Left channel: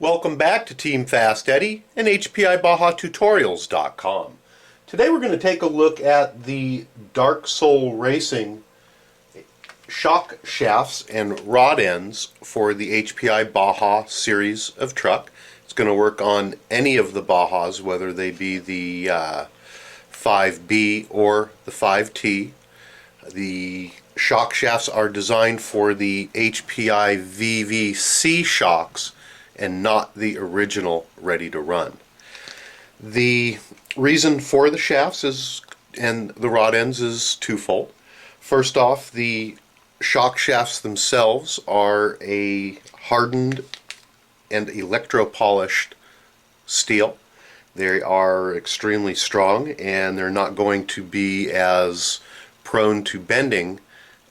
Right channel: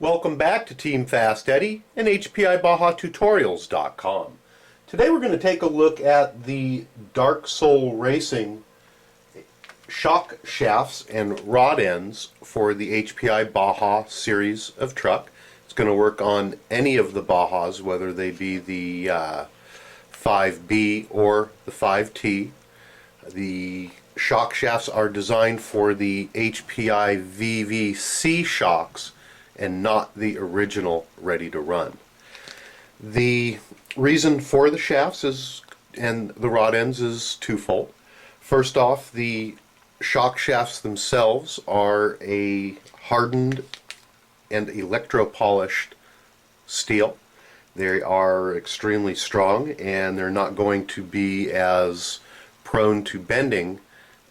Welcome back to Team FastEddy and HPI Baja Tutorials.com. Today we're going to take a look at the DarkSoul Racing shock shafts and rod ends for the HPI Baja series of truck. It's going to work on any of the Bajas, whether they be the 5B or the 5T. The shock shafts are designed for the HPI VVC shocks and not the original ready to run. The reason for the shafts and the rod ends is twofold. First off, the shock shafts themselves are a hardened and electro-polished steel. They are extremely strong and they're not going to be as prone to bending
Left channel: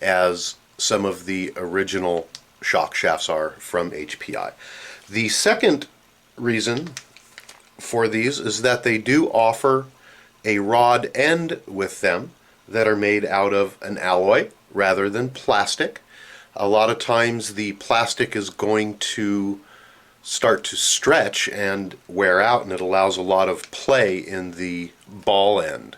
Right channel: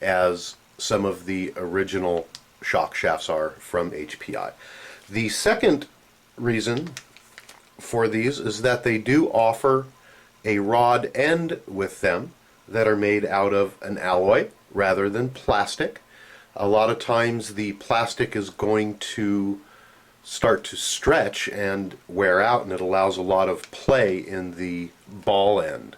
as some of the original shock shafts are from HPI. The second reason for these is that they do offer a rod end with them that are made out of an alloy rather than plastic. A lot of times the plastic is going to start to stretch and wear out, and it allows a lot of play in the ball end.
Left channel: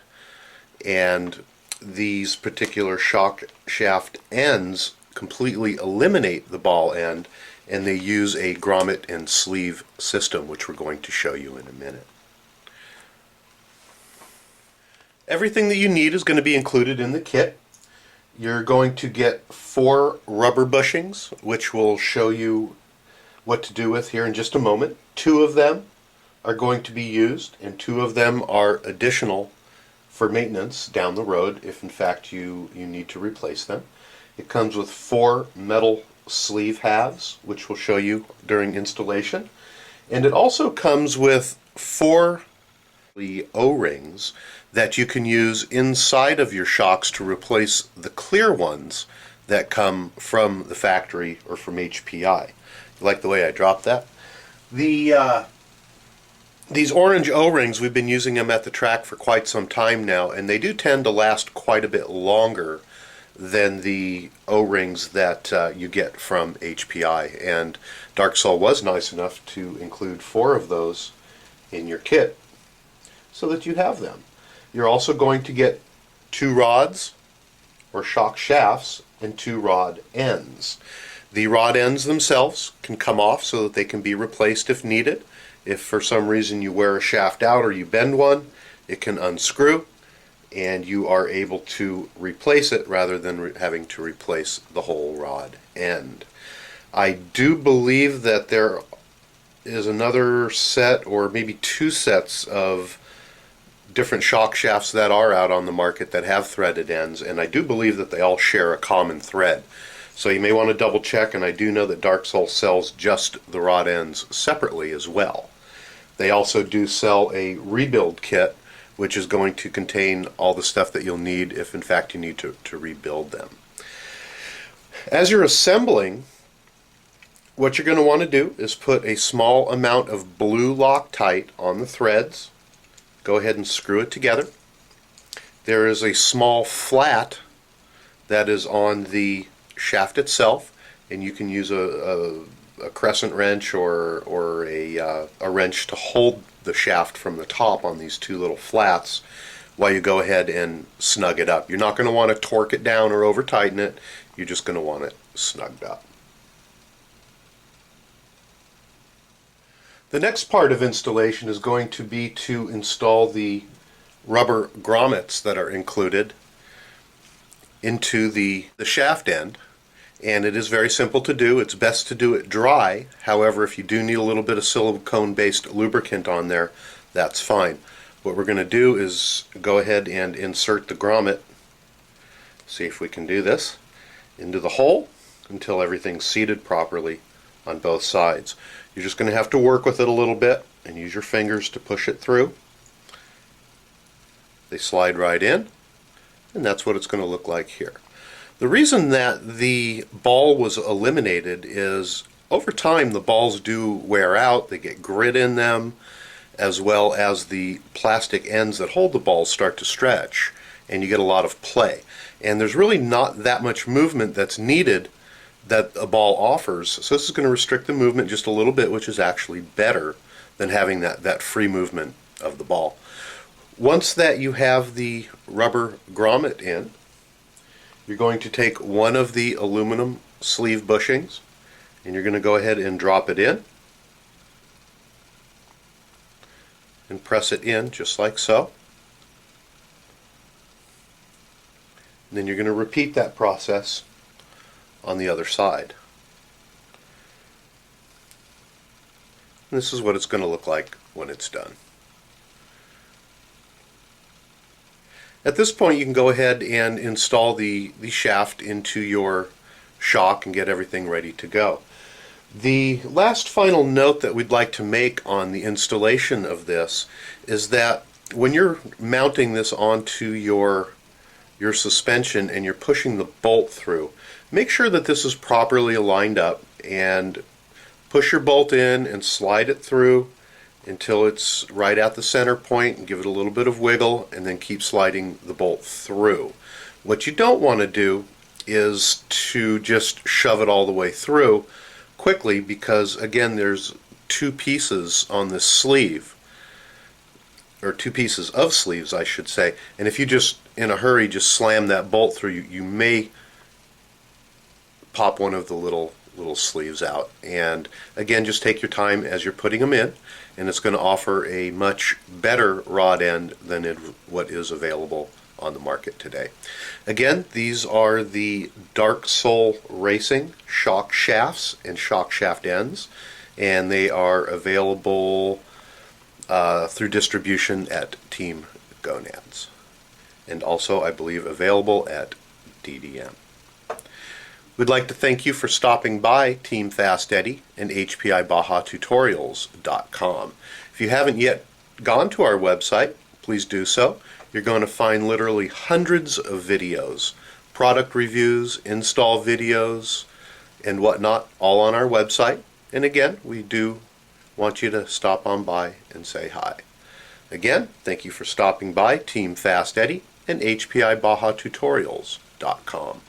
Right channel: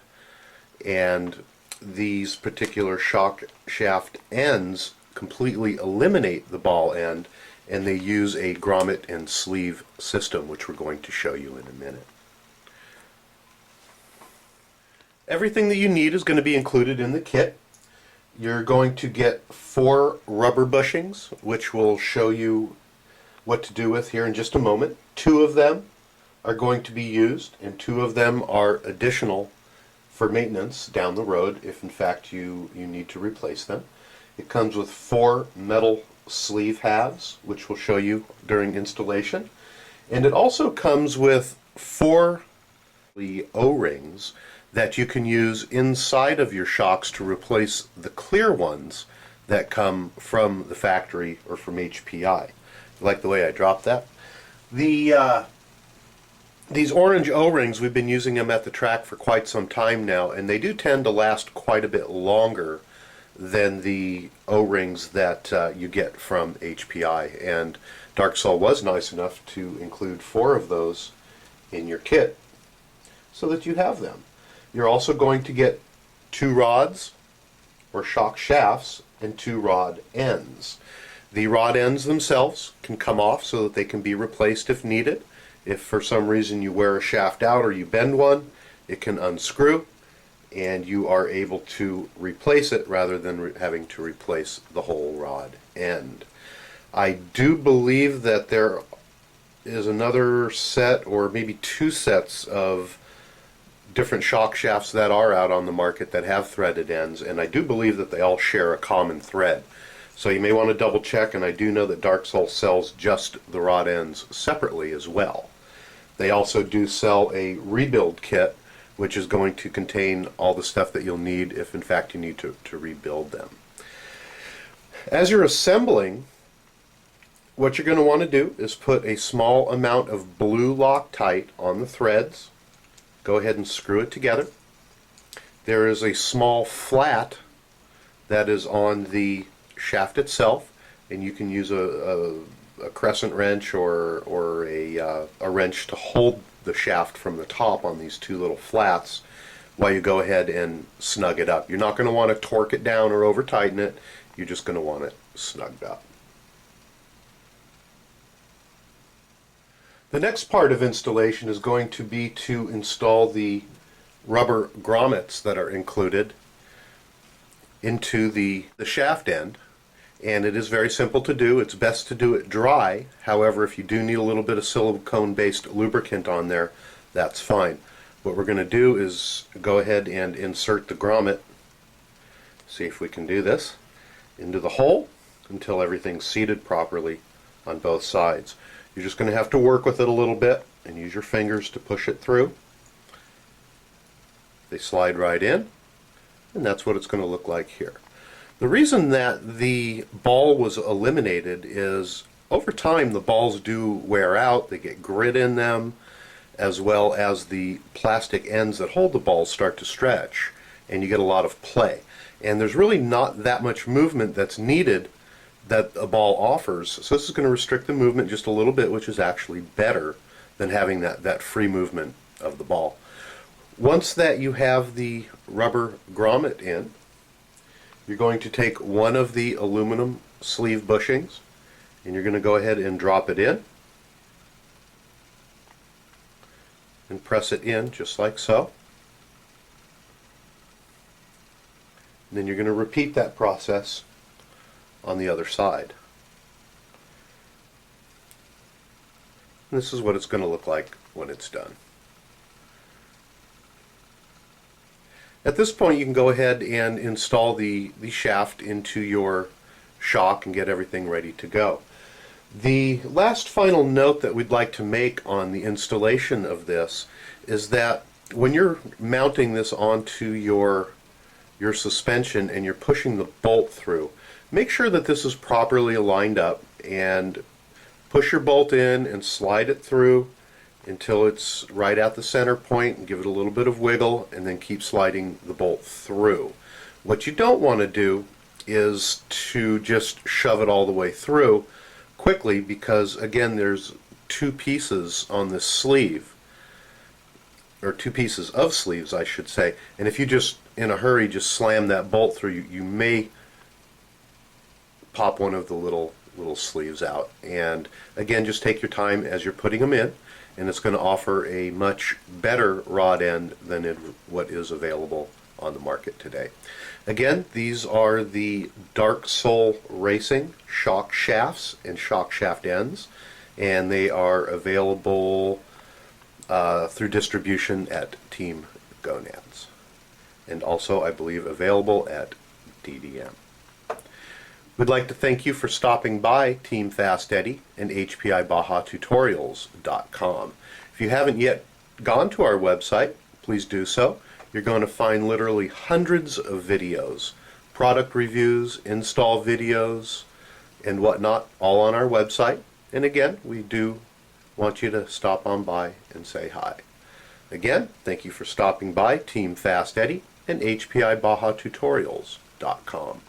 And these particular shock shaft ends completely eliminate the ball end, and they use a grommet and sleeve system, which we're going to show you in a minute. Everything that you need is going to be included in the kit. You're going to get 4 rubber bushings, which we'll show you what to do with here in just a moment. 2 of them are going to be used, and 2 of them are additional for maintenance down the road if in fact you need to replace them. It comes with 4 metal sleeve halves, which we'll show you during installation, and it also comes with 4 O-rings that you can use inside of your shocks to replace the clear ones that come from the factory or from HPI. You like the way I dropped that? These orange O-rings, we've been using them at the track for quite some time now, and they do tend to last quite a bit longer than the O-rings that you get from HPI, and DarkSoul was nice enough to include 4 of those in your kit so that you have them. You're also going to get 2 rods or shock shafts and 2 rod ends. The rod ends themselves can come off so that they can be replaced if needed. If for some reason you wear a shaft out or you bend one, it can unscrew and you are able to replace it rather than having to replace the whole rod end. I do believe that there is another set or maybe 2 sets of different shock shafts that are out on the market that have threaded ends, and I do believe that they all share a common thread. So you may want to double check, and I do know that DarkSoul sells just the rod ends separately as well. They also do sell a rebuild kit, which is going to contain all the stuff that you'll need if in fact you need to rebuild them. As you're assembling, what you're going to want to do is put a small amount of blue Loctite on the threads. Go ahead and screw it together. There is a small flat that is on the shaft itself, and you can use a crescent wrench or a wrench to hold the shaft from the top on these 2 little flats while you go ahead and snug it up. You're not going to want to torque it down or over tighten it. You're just going to want it snugged up. The next part of installation is going to be to install the rubber grommets that are included into the shaft end. And it is very simple to do. It's best to do it dry. However, if you do need a little bit of silicone-based lubricant on there, that's fine. What we're going to do is go ahead and insert the grommet, see if we can do this, into the hole until everything's seated properly on both sides. You're just going to have to work with it a little bit and use your fingers to push it through. They slide right in, and that's what it's going to look like here. The reason that the ball was eliminated is over time the balls do wear out, they get grit in them, as well as the plastic ends that hold the balls start to stretch and you get a lot of play. And there's really not that much movement that's needed that a ball offers. So this is going to restrict the movement just a little bit, which is actually better than having that free movement of the ball. Once that you have the rubber grommet in, you're going to take one of the aluminum sleeve bushings and you're going to go ahead and drop it in and press it in just like so. And then you're going to repeat that process on the other side. And this is what it's going to look like when it's done. At this point you can go ahead and install the shaft into your shock and get everything ready to go. The last final note that we'd like to make on the installation of this is that when you're mounting this onto your suspension and you're pushing the bolt through, make sure that this is properly aligned up and push your bolt in and slide it through until it's right at the center point and give it a little bit of wiggle and then keep sliding the bolt through. What you don't want to do is to just shove it all the way through quickly, because again there's two pieces on this sleeve, or two pieces of sleeves I should say, and if you just in a hurry just slam that bolt through, you may pop one of the little sleeves out. And again, just take your time as you're putting them in, and it's going to offer a much better rod end than what is available on the market today. Again, these are the DarkSoul Racing shock shafts and shock shaft ends, and they are available through distribution at Team Gonads, and also I believe available at DDM. We'd like to thank you for stopping by Team FastEddy and HPI Baja Tutorials.com. If you haven't yet gone to our website, please do so. You're going to find literally hundreds of videos, product reviews, install videos, and whatnot, all on our website. And again, we do want you to stop on by and say hi. Again, thank you for stopping by Team FastEddy and HPI Baja Tutorials.com.